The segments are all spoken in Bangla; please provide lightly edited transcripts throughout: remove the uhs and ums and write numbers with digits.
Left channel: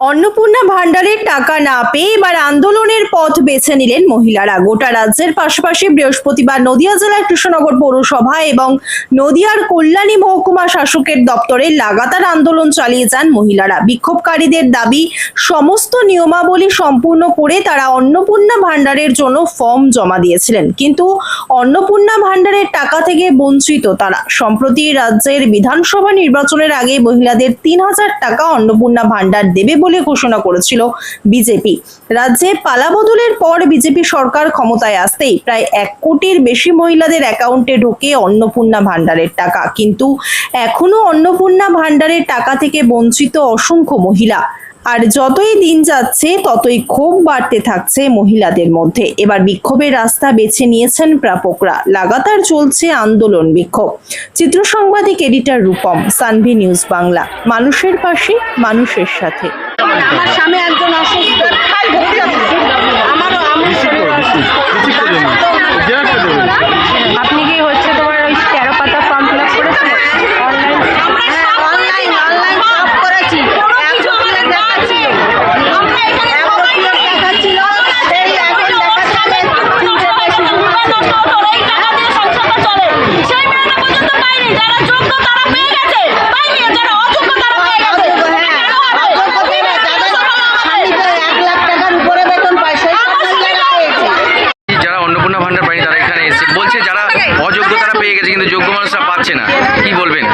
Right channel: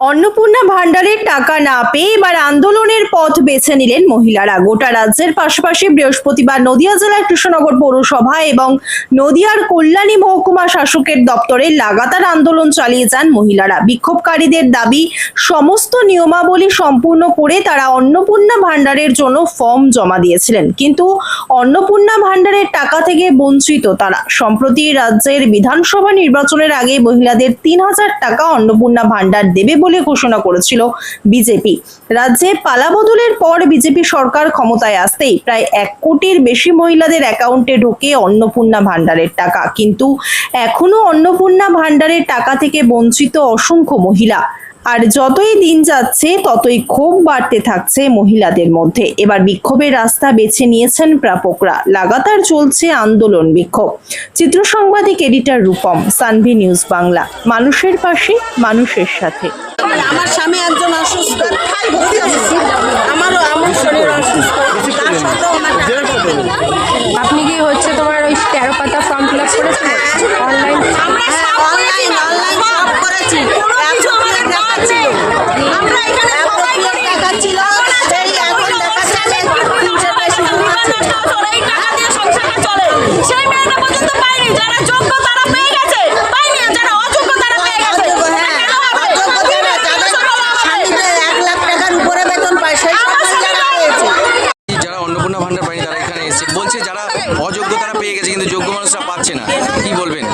অন্নপূর্ণা ভান্ডারের টাকা না পেয়ে এবার আন্দোলনের পথ বেছে নিলেন মহিলারা। গোটা রাজ্যের পাশাপাশি বৃহস্পতিবার নদিয়া জেলার কৃষ্ণনগর পৌরসভা এবং নদিয়ার কল্যাণী মহকুমা শাসকের দপ্তরে লাগাতার আন্দোলন চালিয়ে যান মহিলারা। বিক্ষোভকারীদের দাবি, সমস্ত নিয়মাবলী সম্পূর্ণ করে তারা অন্নপূর্ণা ভান্ডারের জন্য ফর্ম জমা দিয়েছিলেন, কিন্তু অন্নপূর্ণা ভান্ডারের টাকা থেকে বঞ্চিত তারা। সম্প্রতি রাজ্যের বিধানসভা নির্বাচনের আগে মহিলাদের ৩,০০০ টাকা অন্নপূর্ণা ভান্ডার দেবে বলে ঘোষণা করেছিল বিজেপি। রাজ্যে পালাবদলের পর বিজেপি সরকার ক্ষমতায় আসতেই প্রায় ১ কোটির বেশি মহিলাদের অ্যাকাউন্টে ঢোকে অন্নপূর্ণা ভান্ডারের টাকা, কিন্তু এখনো অন্নপূর্ণা ভান্ডারের টাকা থেকে বঞ্চিত অসংখ্য মহিলা। আর যতই দিন যাচ্ছে ততই ক্ষোভ বাড়তে থাকছে মহিলাদের মধ্যে। এবার বিক্ষোভের রাস্তা বেছে নিয়েছেন প্রাপকরা। লাগাতার চলছে আন্দোলন বিক্ষোভ। চিত্র সাংবাদিক এডিটর রূপম, সানভি নিউজ বাংলা। মানুষের পাশে, মানুষের সাথে। আমার স্বামী একজন অসুস্থ, আমার শরীর অসুস্থ। আপনি কি হচ্ছে তোমার ওই 13 পাতা ফর্ম ফিল আপ করেছেন অনলাইন সব করেছি, কোনো কিছু আমাদের না আছে। আমরা এখানে সবাই দেখাচ্ছিল এই আগের লেখাটা 300 বেশি এই টাকা দিয়ে সংসারটা চলে। সেই মেয়েটা পর্যন্ত পাইনি, যারা যোগ্য তারা পেয়ে গেছে, পাইনি যারা অযোগ্য তারা পেয়ে গেছে। যারা অন্নপূর্ণা ভান্ডার পায়নি তারা এখানে এসে বলছে যারা অযোগ্য তারা পেয়ে গেছে, কিন্তু যোগ্য মানুষরা পাচ্ছে না। কি বলবেন?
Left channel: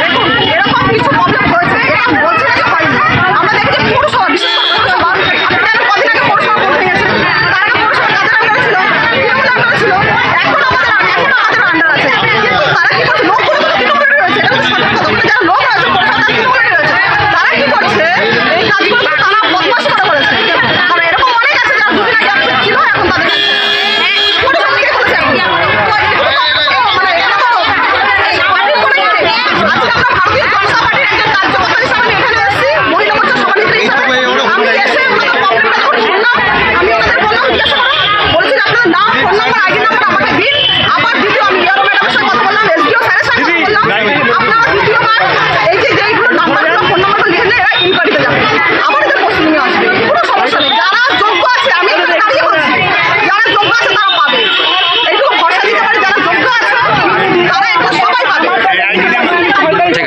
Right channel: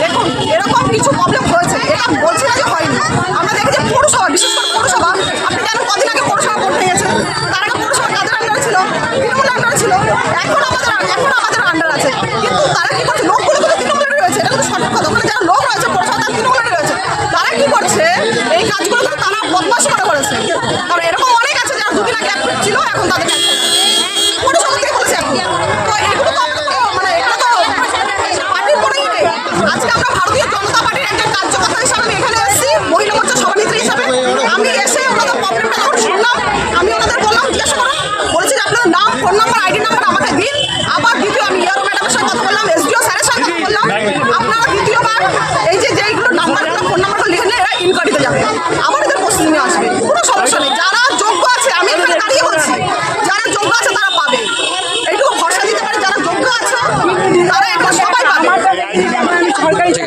দেখুন, এরকম কিছু প্রবলেম হয়েছে, এটা বলছি না যে হয়নি। আমরা দেখেছি পৌরসভা, বিশেষ করে পৌরসভা, আপনি জানেন কদিন আগে পৌরসভা ভোট হয়েছে, তার আগে পৌরসভা কাদের আন্ডারে ছিল? তৃণমূল আন্ডারে ছিল। এখন আমাদের আন্ডার আছে, কিন্তু তারা কি করছে? লোকগুলো তো তৃণমূলের রয়েছে, এটা তো সঠিক কথা। ওখানে যারা লোক রয়েছে পৌরসভা তারা তৃণমূলের রয়েছে, তারা কি করছে? এই কাজগুলো তো তারা বদমাশি করে করেছে। কারণ এরকম অনেক আছে যারা দুদিন আগে অ্যাক্টিভ ছিল, এখন তাদের কাছে পৌরসভা কে করেছে এখন? তো এগুলো তো মানে এটা তো পার্টির করে আজকে আমরা ভারতীয় জনতা পার্টির একজন কার্যকর্তা হিসাবে আমি এখানে এসেছি, মহিলা মোর্চা সভানেত্রী হিসাবে। আমি এসে ওনাদের প্রবলেমটা যখন শুনলাম, আমি ওনাদের বললাম, জিজ্ঞাসা করলাম, বলছি যে আপনাদের নাম, ফোন নাম্বার, আইডি নাম্বার আমাকে দিন। আবার দ্বিতীয় আমি ইয়ারো ম্যাডামের সঙ্গে কথা বললাম, এসডিও স্যারের সঙ্গে কথা বললাম। আপনারা দ্বিতীয়বার এই যে যেইগুলো নাম্বারগুলো, ফোন নাম্বারগুলো লিখে নিয়ে এরা ইনকোয়ারিতে যাবে, আবার এদের প্রস্তুতি নিয়ে আসবে। কোনো সমস্যা নেই, যারা যোগ্য আছে, আমি এখানে দাঁড়িয়ে বলছি, যারা যোগ্য আছে তারা পাবে। এইটুকু ভরসা দিতে পারে, যারা যোগ্য আছে তারা এখন সবাই পাবে। ঠিক আছে।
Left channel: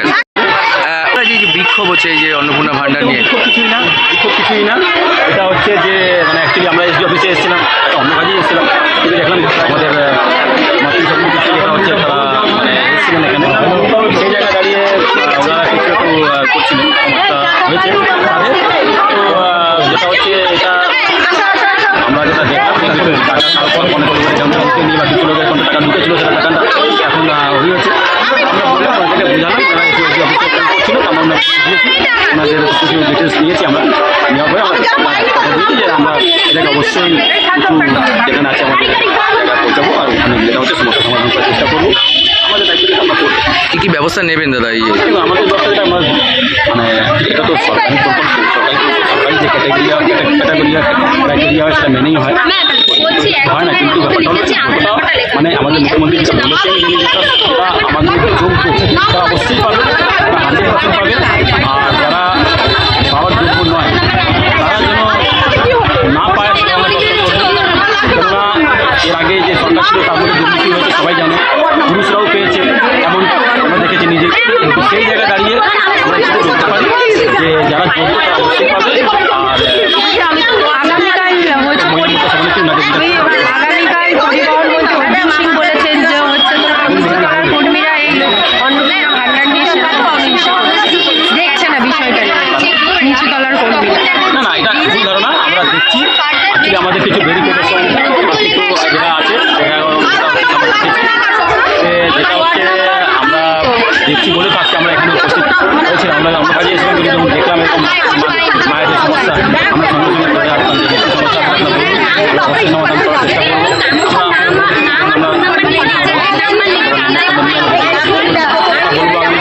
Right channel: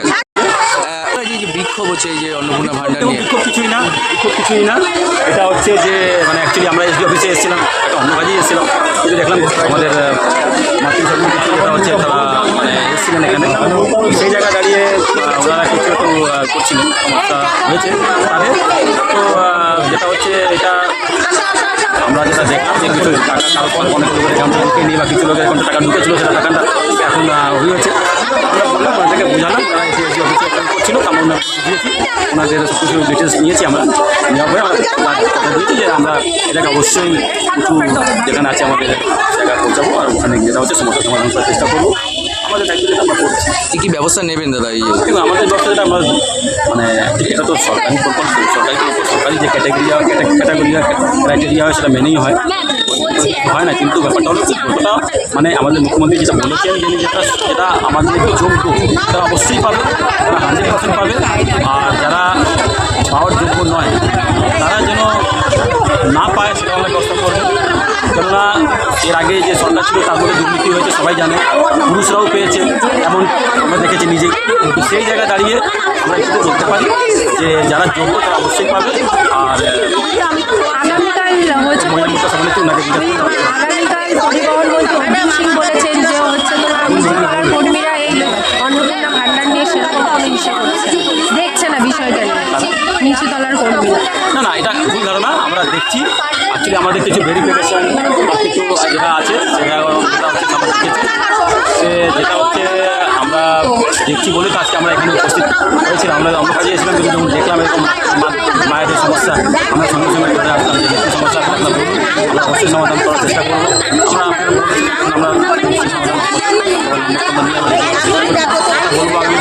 যে বিক্ষোভ হচ্ছে এই যে অন্নপূর্ণা ভান্ডার নিয়ে, বিক্ষোভ কিছুই না। এটা হচ্ছে যে মানে অ্যাকচুয়ালি আমরা এসডি অফিসে এসেছিলাম, একটা অন্য কাজেই এসেছিলাম, কিন্তু দেখলাম আমাদের মাতৃসমিতি কিছু যেটা হচ্ছে তারা মানে এসেছিলেন এখানে, সেই জায়গায় দাঁড়িয়ে ওনারা কিছু একটু করছিলেন, সমস্যা হয়েছে তাদের। তো যেটা হচ্ছে এটা আমরা যেটা দেখলাম, কিছু টাকা কারো অনেক লোকের অ্যাকাউন্টে ঢুকে নিয়ে বা কিছু লোকের অ্যাকাউন্টে টাকা ঢুকেছিল, সেটা টাকাটা এখন হয়েছে। আমরা বললাম ওনাদেরকে বুঝালাম, ওনারা এসে এসডি অফিসে অ্যাকাউন্ট করছিল, আমরা ওনার বুঝিয়েছি, ওনাদের সব কিছু ডিটেলস নিয়েছি। আমরা নেওয়া হয়ে আমরা কথা দিয়েছি যে আমরা এটাকে অবশ্যই কিছু যেখানে আছে আমাদের জায়গায় পৌঁছাবো, আর ওখানে যেটা হচ্ছে সমস্যা সমাধান করার চেষ্টা করবো। আমাদের দায়িত্ব যেটা আমরা করছি। কী কী ব্যবস্থা নেবেন দাদা? এই দেখুন, আমাদের ব্যবস্থা যেটা আমরা মানে এটা তো সরকারি প্রকল্প, সরকারি যে ক্যাটাগরিয়া ক্রাইটেরিয়া হয় সেটা মেনেই হয় না, কিন্তু ব্যাপারটা হলো যতটা মানে আমাদের মুখ্যমন্ত্রী যেটা বলেছেন, যিনি যেটা আমাদের যোগ্য তারা অবশ্যই পাবে, তারা 100% পাবে। আর যারা পাওয়ার যোগ্য নয় তারা যেন না পায় সেটা আমরা ব্যবস্থা করবো। কেননা এর আগে যে সরকার ছিল তার মধ্যে দুর্নীতি হয়েছে, সবাই জানে, পুরুষরাও পেয়েছে, এমন আমরা দেখেছি নিজে। কিন্তু সেই জায়গায় দাঁড়িয়ে আমরা এটাতে বলতে পারি যে যারা যোগ্য তারা অবশ্যই পাবে। আর মহিলা মোর্চা সভানেত্রী ওনাকে আগামীকাল পরিবহন মন্ত্রী অর্জুন সিং বলেছেন যে হচ্ছে তোমার নিচুতলার কর্মীরা এই অন্নপূর্ণা ভান্ডার নিয়ে সেরকম অনিশ্চয় দেখছে না বিষয়টা নিচুতলার কর্মীরা। না, এটা ভুল ধারণা। আমরা দেখছি অ্যাকচুয়ালি আমাদের কিছু ভেরিফিকেশন বা কিছু যেটা আছে সেটা হচ্ছে আমরা দেখেছি, যেটা হচ্ছে আমরা দেখছি বলে তো আজকে আমরা এখানে উপস্থিত হয়েছিলাম। আমরা অন্য কাজে এসেছিলাম, কিন্তু যখন দেখলাম এরকম মায়েদের সমস্যা, আমরা সঙ্গে সঙ্গে ধরে আসলাম যে একটু সমস্যা আছে আপনারা বলুন, আমরা অবশ্যই সমাধান করার চেষ্টা করবো। আমরা বলবো আমি